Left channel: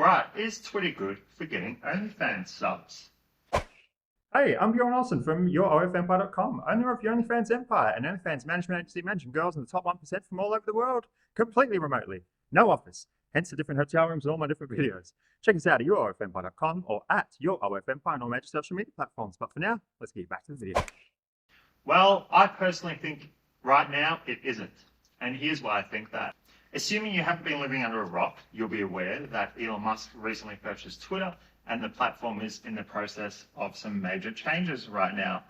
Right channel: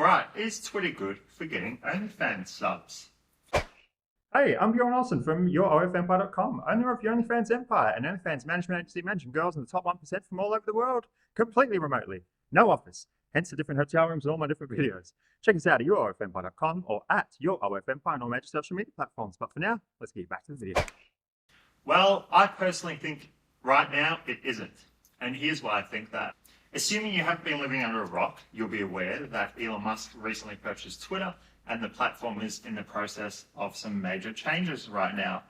Alright, is Twitter good for getting OnlyFans subs? Hey, I'm Bjorn Olsen from YourOFEmpire.com, owner of the OnlyFans Empire, an OnlyFans management agency managing girls in the top 1% from all over the world, completely remotely. No office, hence the different hotel rooms and all my different videos. Check us out at YourOFEmpire.com or at YourOFEmpire on all major social media platforms. But for now, let's get back to the video. Well, I personally think right now it isn't. And here's why I think that. Assuming you haven't been living under a rock, you'll be aware that Elon Musk recently purchased Twitter and the platform is in the process of some major changes right now.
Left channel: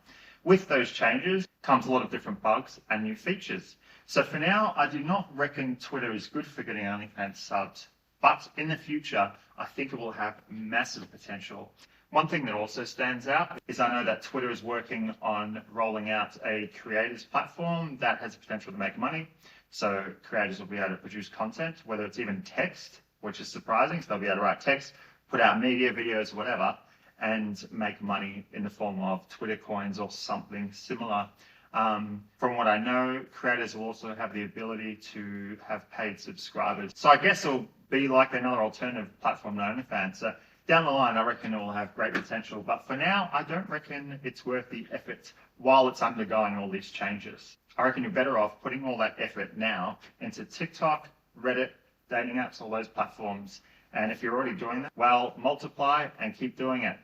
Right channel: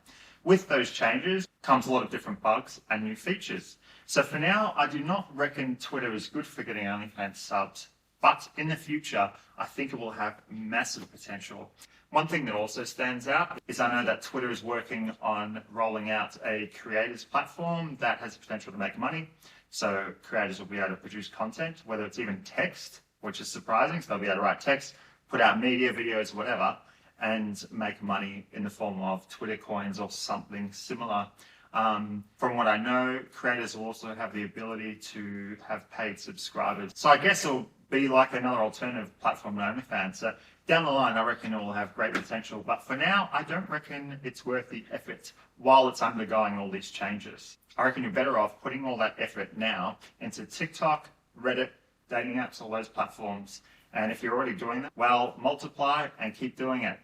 With those changes comes a lot of different bugs and new features. So for now, I do not reckon Twitter is good for getting OnlyFans subs, but in the future, I think it will have massive potential. One thing that also stands out is I know that Twitter is working on rolling out a creators platform that has the potential to make money. So creators will be able to produce content, whether it's even text, which is surprising. So they'll be able to write text, put out media, videos, whatever, and make money in the form of Twitter coins or something similar. From what I know, creators will also have the ability to have paid subscribers. So I guess it'll be like another alternative platform to OnlyFans. So down the line, I reckon it will have great potential. But for now, I don't reckon it's worth the effort while it's undergoing all these changes. I reckon you're better off putting all that effort now into TikTok, Reddit, dating apps, all those platforms. And if you're already doing that, well, multiply and keep doing it.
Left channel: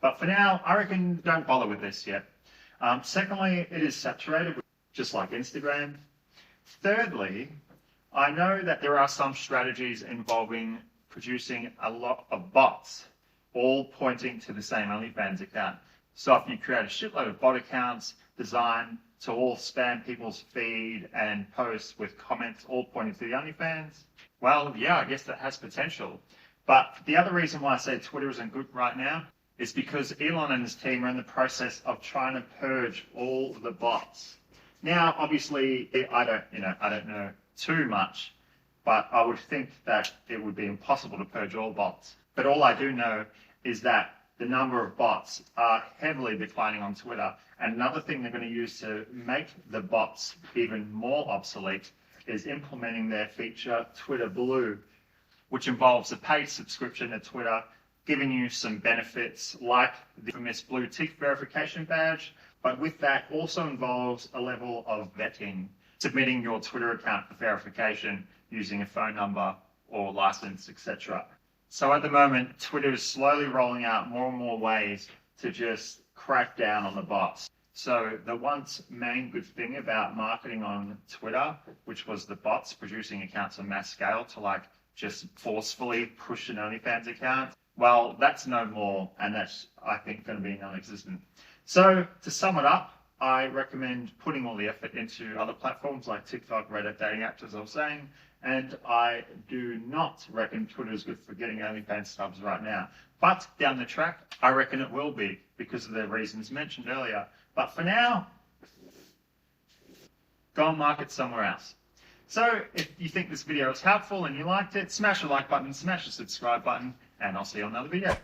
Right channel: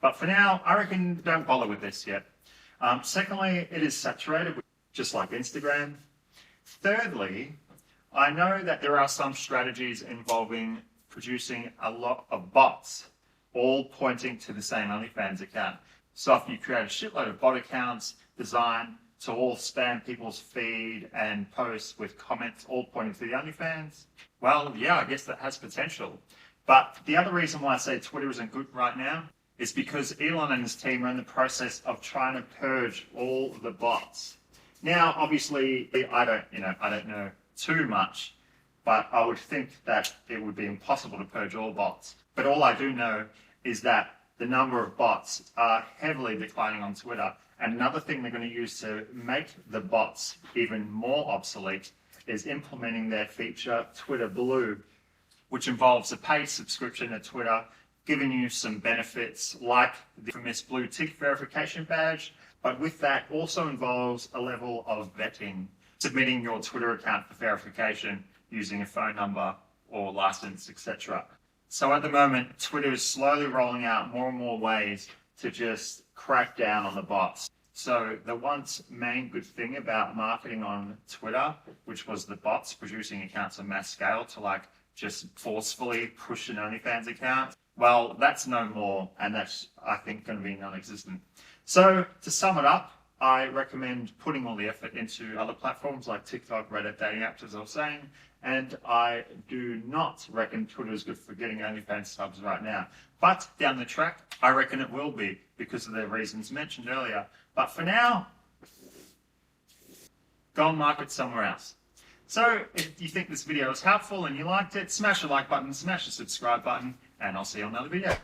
But for now, I reckon don't bother with this yet. Secondly, it is saturated, just like Instagram. Thirdly, I know that there are some strategies involving producing a lot of bots, all pointing to the same OnlyFans account. So if you create a shitload of bot accounts designed to all spam people's feed and posts with comments all pointing to the OnlyFans, well, yeah, I guess that has potential. But the other reason why I say Twitter isn't good right now is because Elon and his team are in the process of trying to purge all the bots. Now, obviously, I don't know too much, but I would think that it would be impossible to purge all bots. But all I do know is that the number of bots are heavily declining on Twitter. And another thing they're going to use to make the bots even more obsolete is implementing their feature Twitter Blue, which involves a paid subscription to Twitter, giving you some benefits like the infamous blue tick verification badge, but with that also involves a level of vetting, submitting your Twitter account for verification using a phone number or license, etc. So at the moment, Twitter is slowly rolling out more and more ways to just crack down on the bots. So the once main good thing about marketing on Twitter, which was the bots producing accounts on mass scale to like just forcefully push an OnlyFans account, well, that's no more, and that's, I think, going to be non-existent. So to sum it up, I recommend putting all the effort into other platforms like TikTok, Reddit, dating apps, as I was saying, and I do not reckon Twitter is good for getting OnlyFans subs right now. But down the track, I reckon it will be because of the reasons mentioned earlier. But for now, go and market somewhere else. So if you think this video was helpful and you liked it, smash the like button, smash the subscribe button, and I'll see you on another video.